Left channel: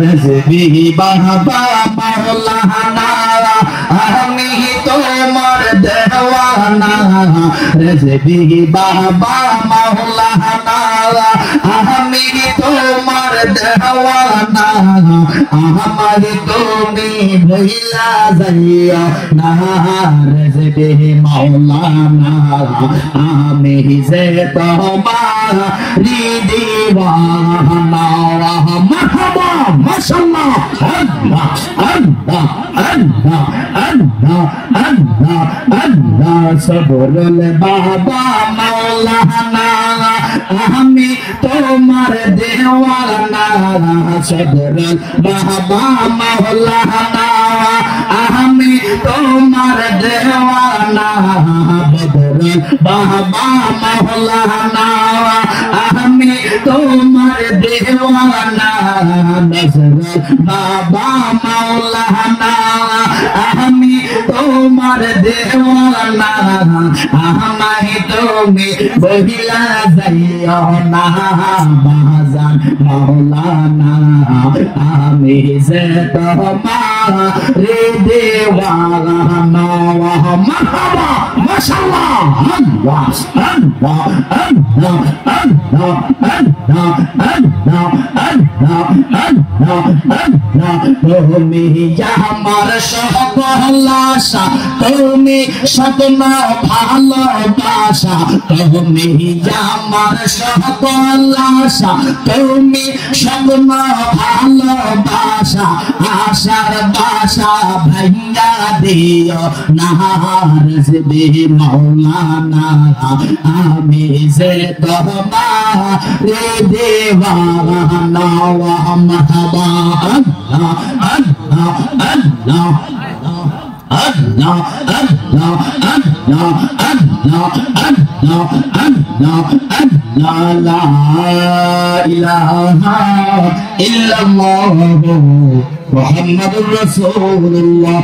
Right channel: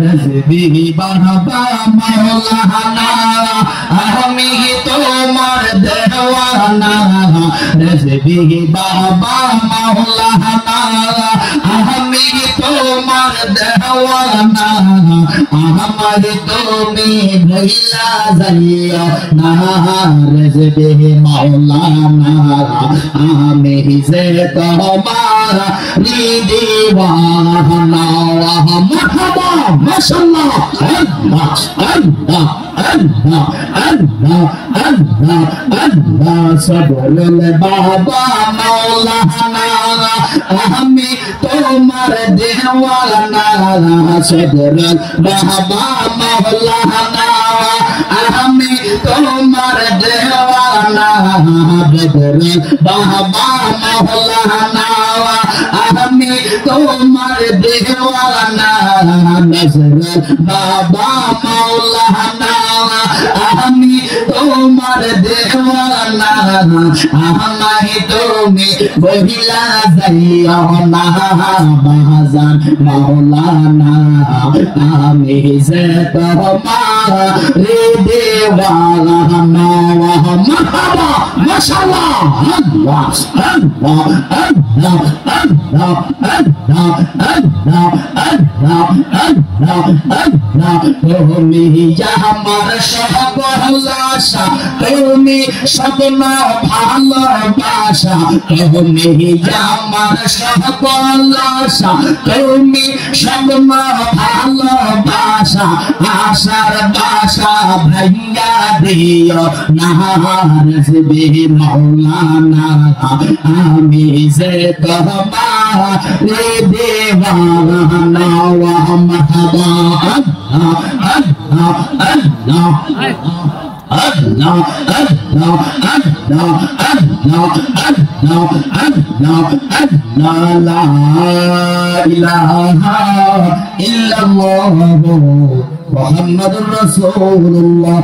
রেজবি বাবা মাওলানা আমি তোমার দেওয়ানা রেজবি বাবা মাওলানা আমি তোমার দেওয়ানা আমার তুমি ভইলা যাইয়া না রেজবি মাওলানা আমি যে তোমার দিওয়ানা মারহাবা মাশাআল্লাহ আল্লাহ আল্লাহ আল্লাহ আল্লাহ আল্লাহ আল্লাহ সবরুল বাবা মাওলানা আমি তোমার দেওয়ানা সবরুল বাবা মাওলানা আমি তোমার দেওয়ানা বদরুল বাবা মাওলানা আমি তোমার দেওয়ানা নজরুল বাবা মাওলানা আমি তোমার দেওয়ানা আমায় তুমি বহিলা যাইয়া না বাজান মাওলানা আমি যে তোমার দেওয়ানা মারহাবা মাশাআল্লাহ আল্লাহ আল্লাহ আল্লাহ আল্লাহ আল্লাহ আল্লাহ আল্লাহ আল্লাহ আল্লাহ তুমি আমার সর্বনাশা তুমি সদনা ভালোবাসা তুমি আমার সর্বনাশা তুমি সদনা ভালোবাসা আশার বাসা ভাইয়া দিও না রেজবি মাওলানা আমি যে তোমার দেওয়ানা মারহাবা আল্লাহ আল্লাহ আল্লাহ Allah, Allah, Allah, Allah, Allah, Allah, Allah, la ilaha illallah Muhammadur Rasulullah.